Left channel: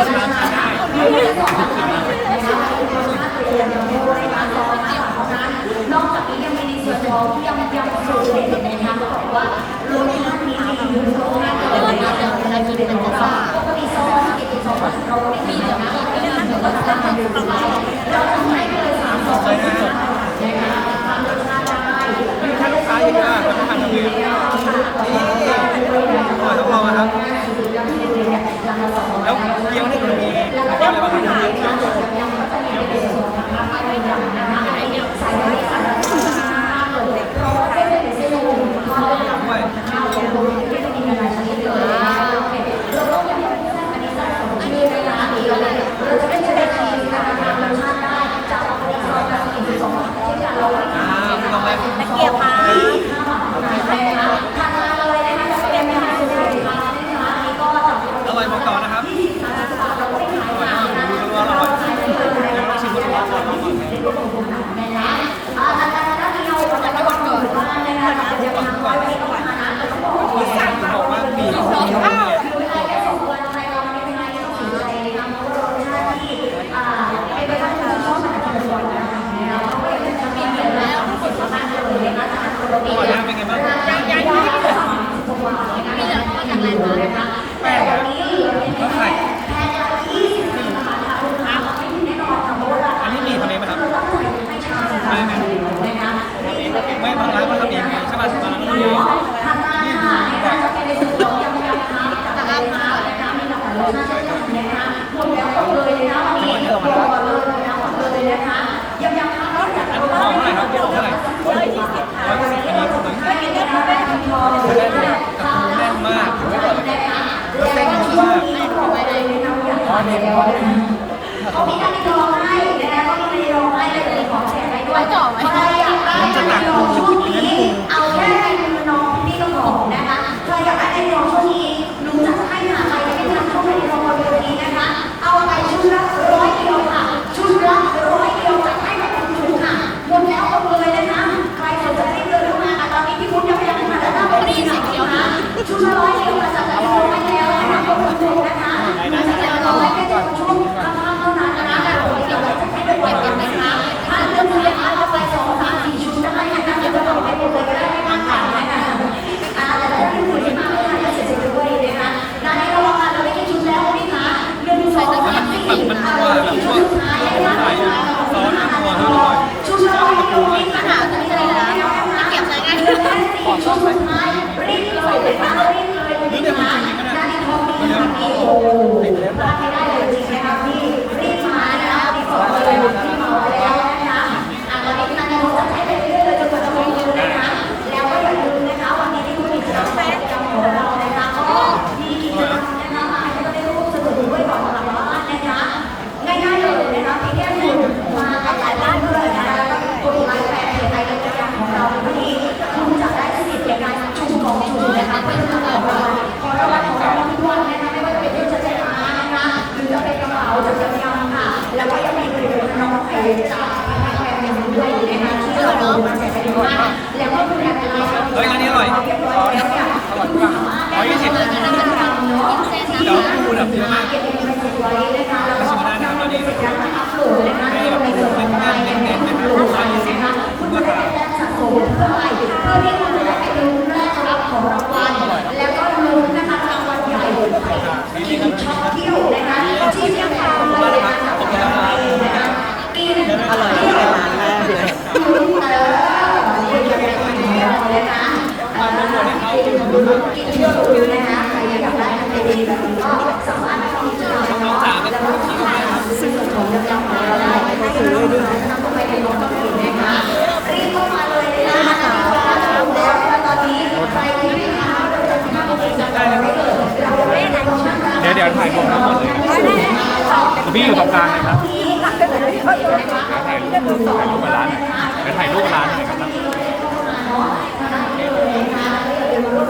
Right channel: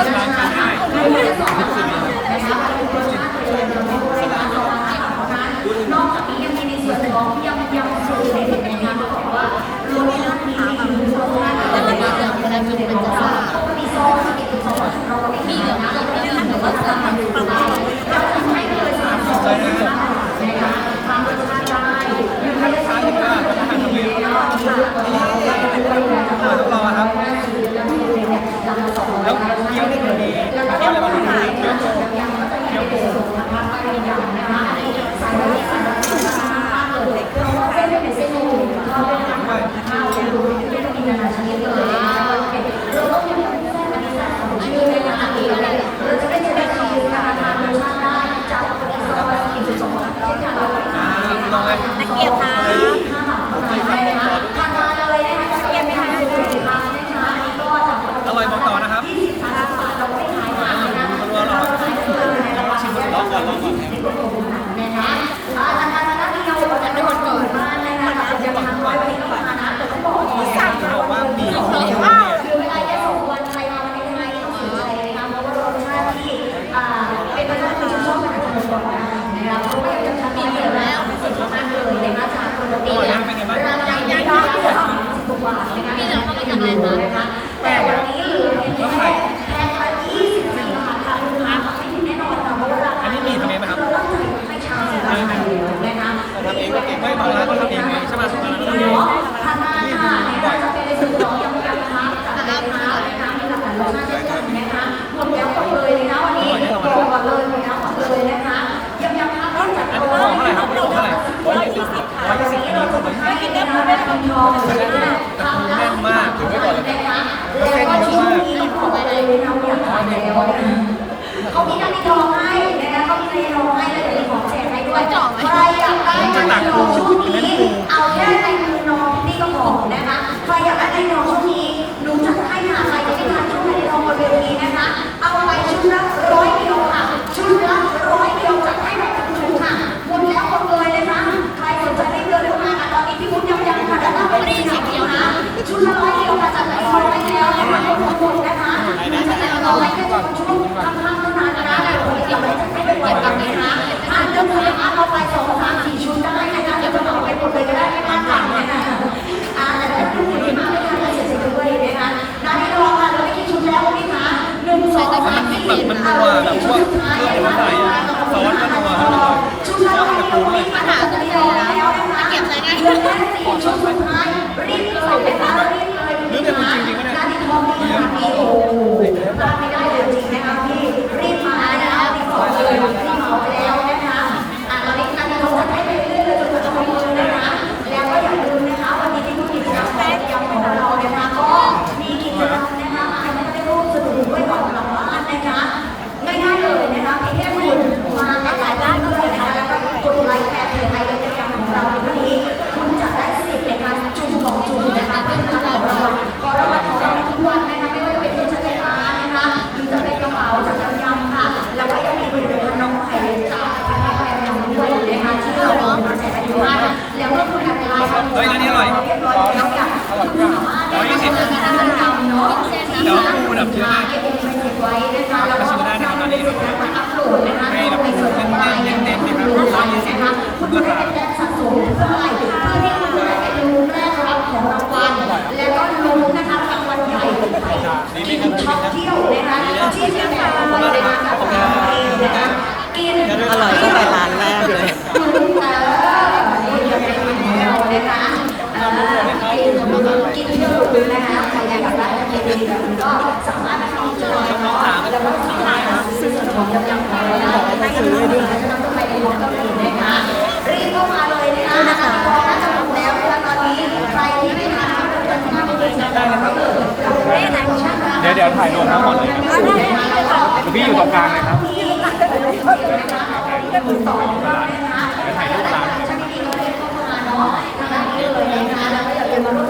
นอกจากนี้ยังมีในส่วนของที่ยังยังสูงเป็นนะคะบว่าโรงเรียนนี้อยู่โรงเรียนอะไรอยู่ในตัวปกติโซ่ที่เป็นของเราไม่มีเลยนะเราจะมีเหมือนกับทำอยู่ได้เราทำให้เลยสามสองนะคะทารสชาติได้ถ้าลูกค้าที่มานกาแต้องรอครับ แล้วเที่ยวนี่มันมีแล้วก็มี ไม่บางร้านก็ทำเองไงใช่ป่ะบางร้านก็ทำเองนี่ดูบ่อยอะบ่อยที่เรามาแล้วอันนี้ห่อเท่าไหร่ครับห่อเท่าไหร่ร้อยยี่สิบอันนี้ร้อยยี่สิบแต่ปูแน่นมากถือว่าก่อนเลยแล้วเส้นเยอะมากอ๋อเนี่ยเขามีทั้งในกรอบ จ่อไว้ มันจะตักปูเล่นปู แบบมันนัวแบบพวก Obrigado. ของกำลังของเราบอกไปซื้อด้วยได้เลยครับ เดี๋ยวเดี๋ยวถ่ายรวมทั้งหมดเลยคุณพี่อยู่ตรงกลางเลยครับถ่ายรูปมาเลยครับ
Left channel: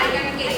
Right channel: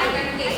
identification.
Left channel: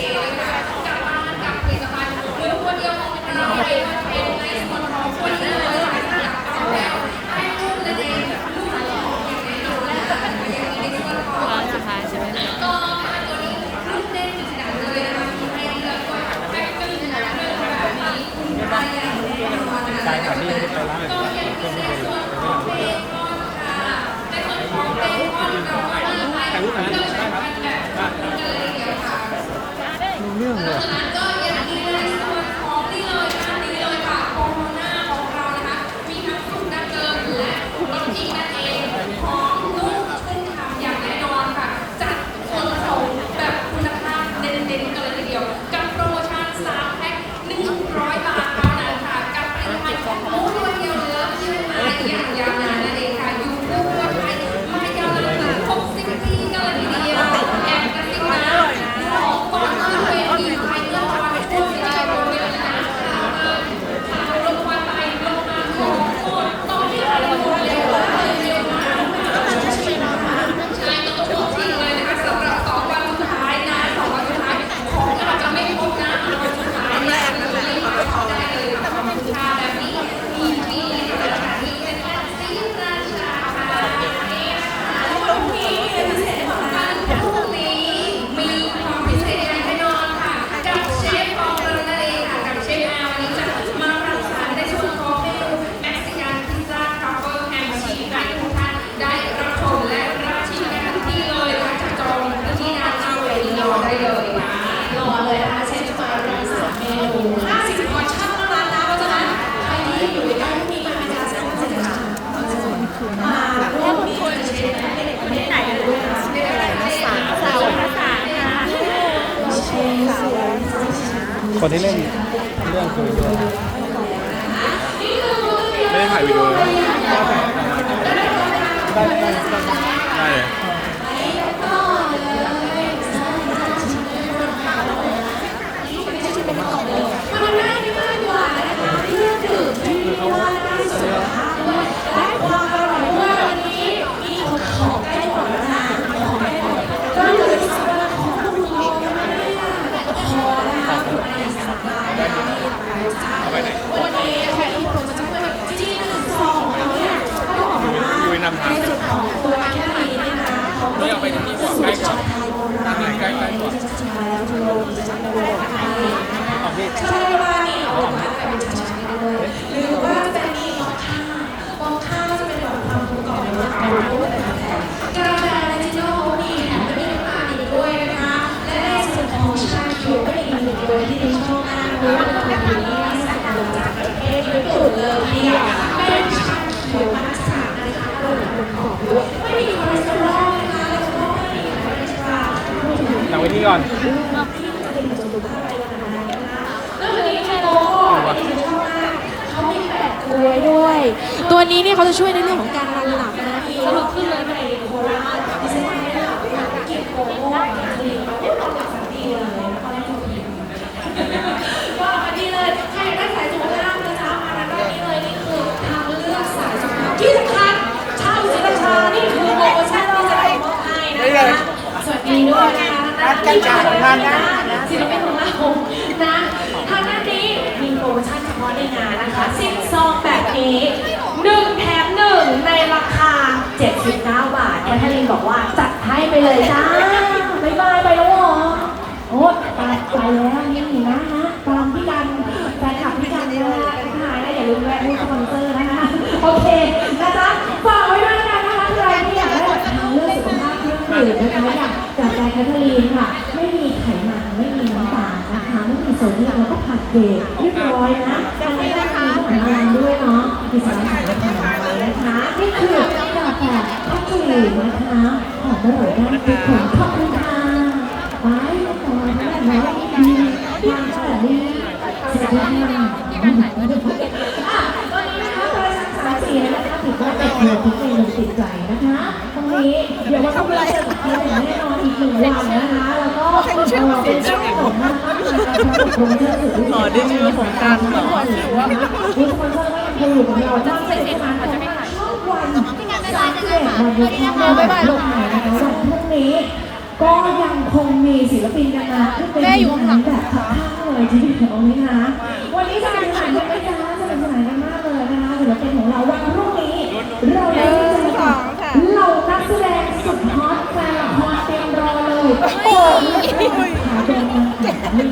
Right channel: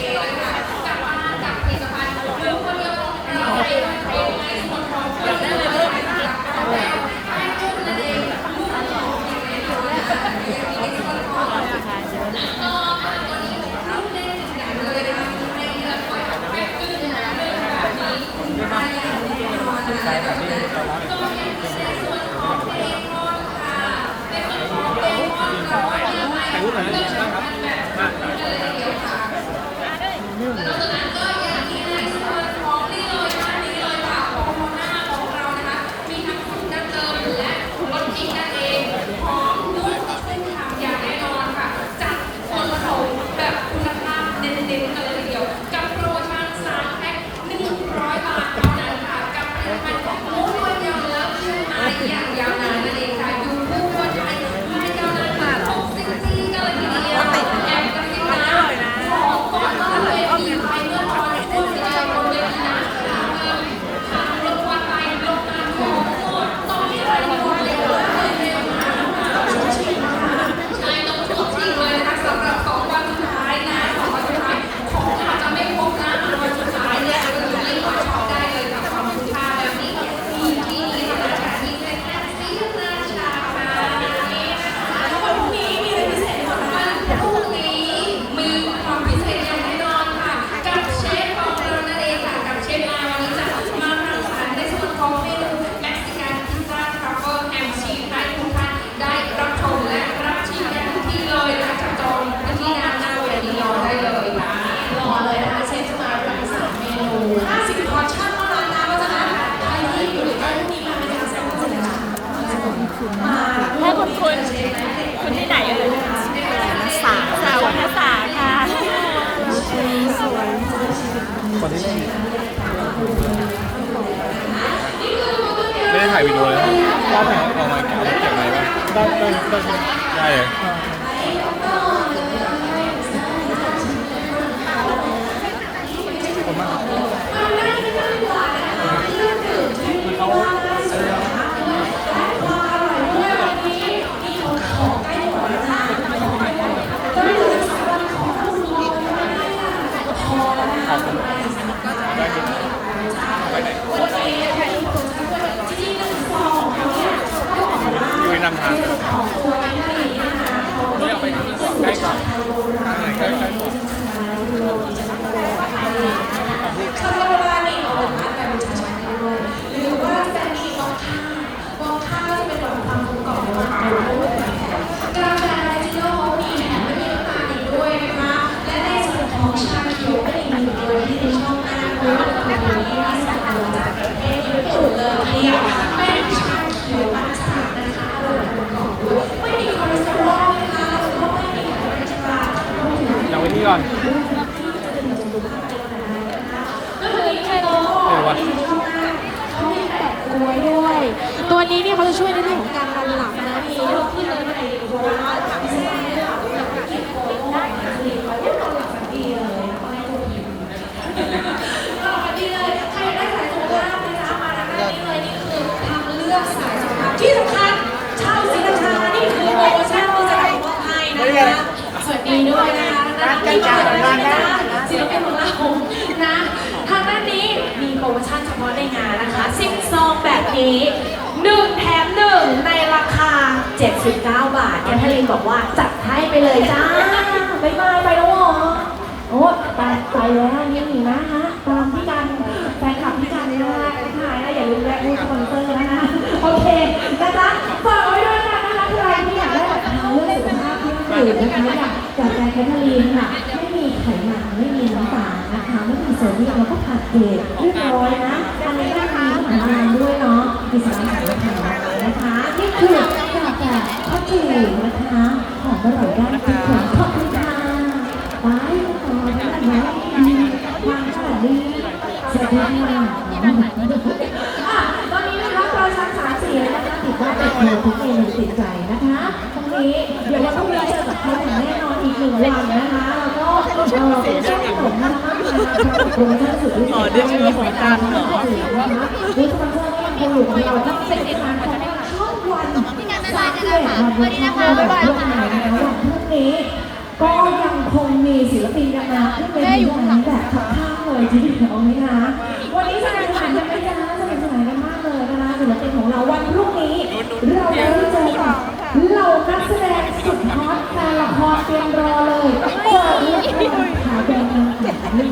ไปที่นี่ใกล้กว่าใกล้กว่าหลัง ไว้นี่ก่อนตัวนี้เนี่ยเขาจะช่วยในเรื่องของการนอนหลับนะมีลุกขึ้นเลย ดีเลยใครได้สายสุขภาพนะจ๊ะมาทางด้านนี้เลยนี่คือทางเลือกสายสุขภาพที่สำคัญชาวศรีราชานี่คือโปรโมชั่นที่จะมอบให้นะคะสวัสดีด้วย นะคะนักกีฬาของเราศิลปินของเรานะทางด้านนี้มีโปรโมชั่นเฉพาะในงานนะคะซิงซองแบบนี้หนึ่งแถมหนึ่งในราคา 79 บาทแคทเธอรีนบอกว่าจัดให้ไปเลยจ้าบ๊ายบายไปแล้วหรอโอ้ตายใจแล้วนี่นะฮะตามพี่กันแฟนคลับพี่กันนะฮะถ่ายนะอย่าลืมแวะมูสปอนเซอร์นะคะโอเคนะจ๊ะฝากไว้ด้วยนะคะใครที่อยากได้แบบทางเลือกสุขภาพที่ถูกนะคะอย่าง จากแคทเธอรีนค่ะ ไม่มีไขมันไม่มีน้ำตาลนะคะไม่มีโซเดียมแล้วก็ผัดเวทเรียบร้อยนะตอนนี้ก็มีพวกอาหารด้วยเนาะมีสารอาหารและนเลยนะคะนี่คือกาแฟพัชรีนะคะหอมอร่อยได้ทุกคนขอบคุณค่ะไปต่อกันนะดีความสวัสดีสวัสดีค่ะตอนนี้นะคะซอยชั้นสามสี่นะคะติดว่าเป็นเมนูทุกเมนูติดใจนะคะ นี้ เดี๋ยววันพรุ่งนี้เจอกับเขาอย่างแน่นอนอีกหนึ่งวันนะคะแล้วก็เออเป็นช่วงผมนะคะโปรโมชั่นสุดพิเศษอ๋อได้ชื่อของกันเหรอนะคะบูธสปอนเซอร์ก็ยังคงอยู่กับเราตั้งแต่ประมาณของวันช่องวันสามสิบเอ็ดวันบูธช่องแบบทั่วไทยนะคะวันพรุ่งนี้ ก็ยังคงมีศิลปินกันมาขึ้นเป็นทีมงานแบบข้างเลยทีเดียวไหมคะวันนี้สนุกสนานกันไหมคะสนุกสนานกันมากเลยนะคะศิลปินของเราวันรุ่ง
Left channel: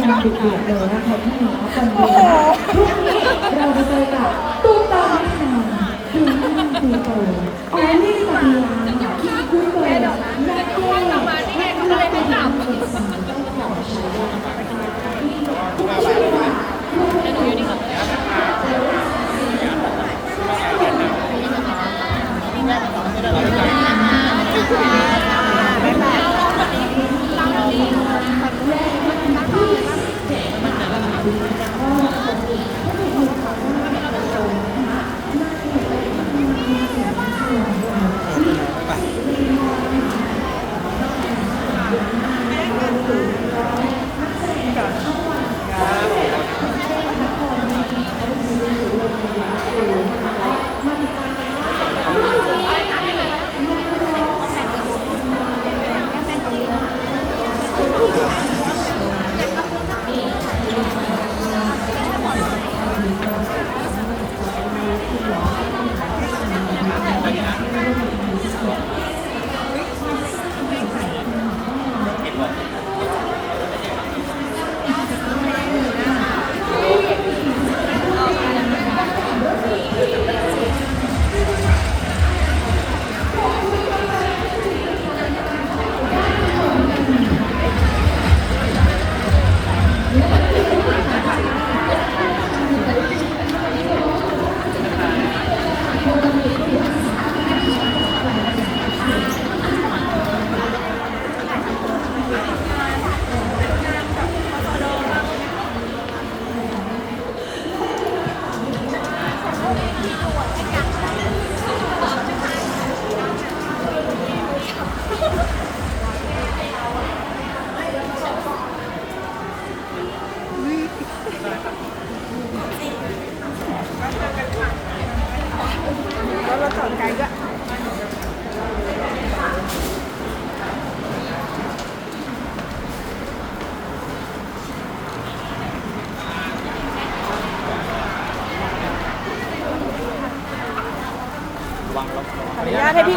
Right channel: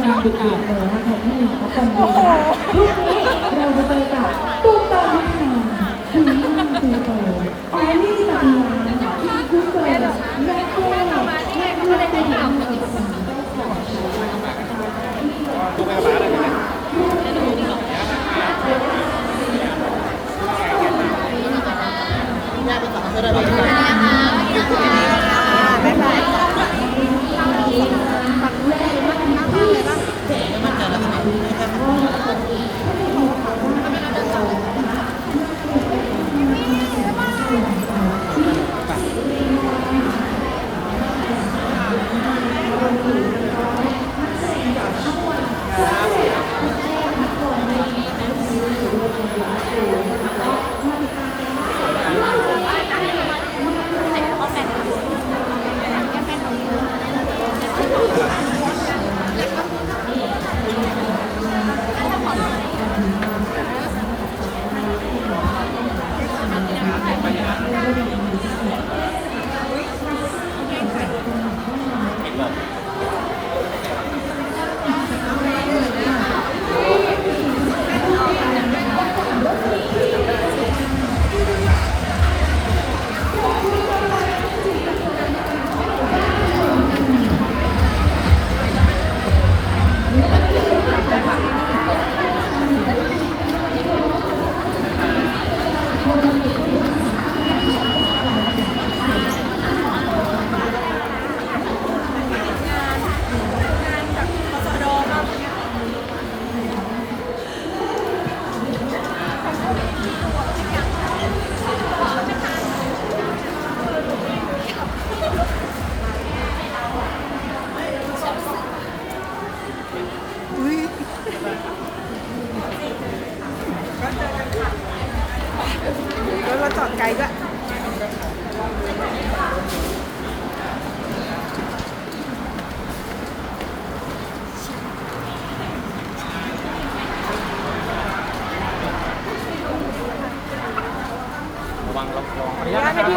มันดุเดือดเลยนะคะที่มีเขาคนเดียว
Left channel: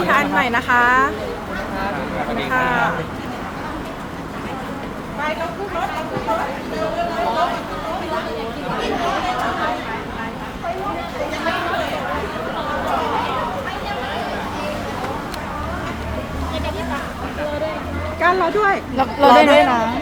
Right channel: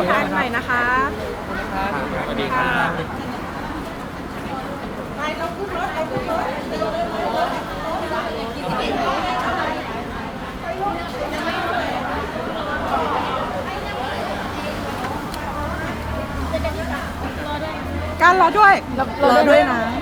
นุญาตให้พี่ทานหน่อยนะคะสวัสดีครับการรอด้วยเรารอเราด้วยนะเ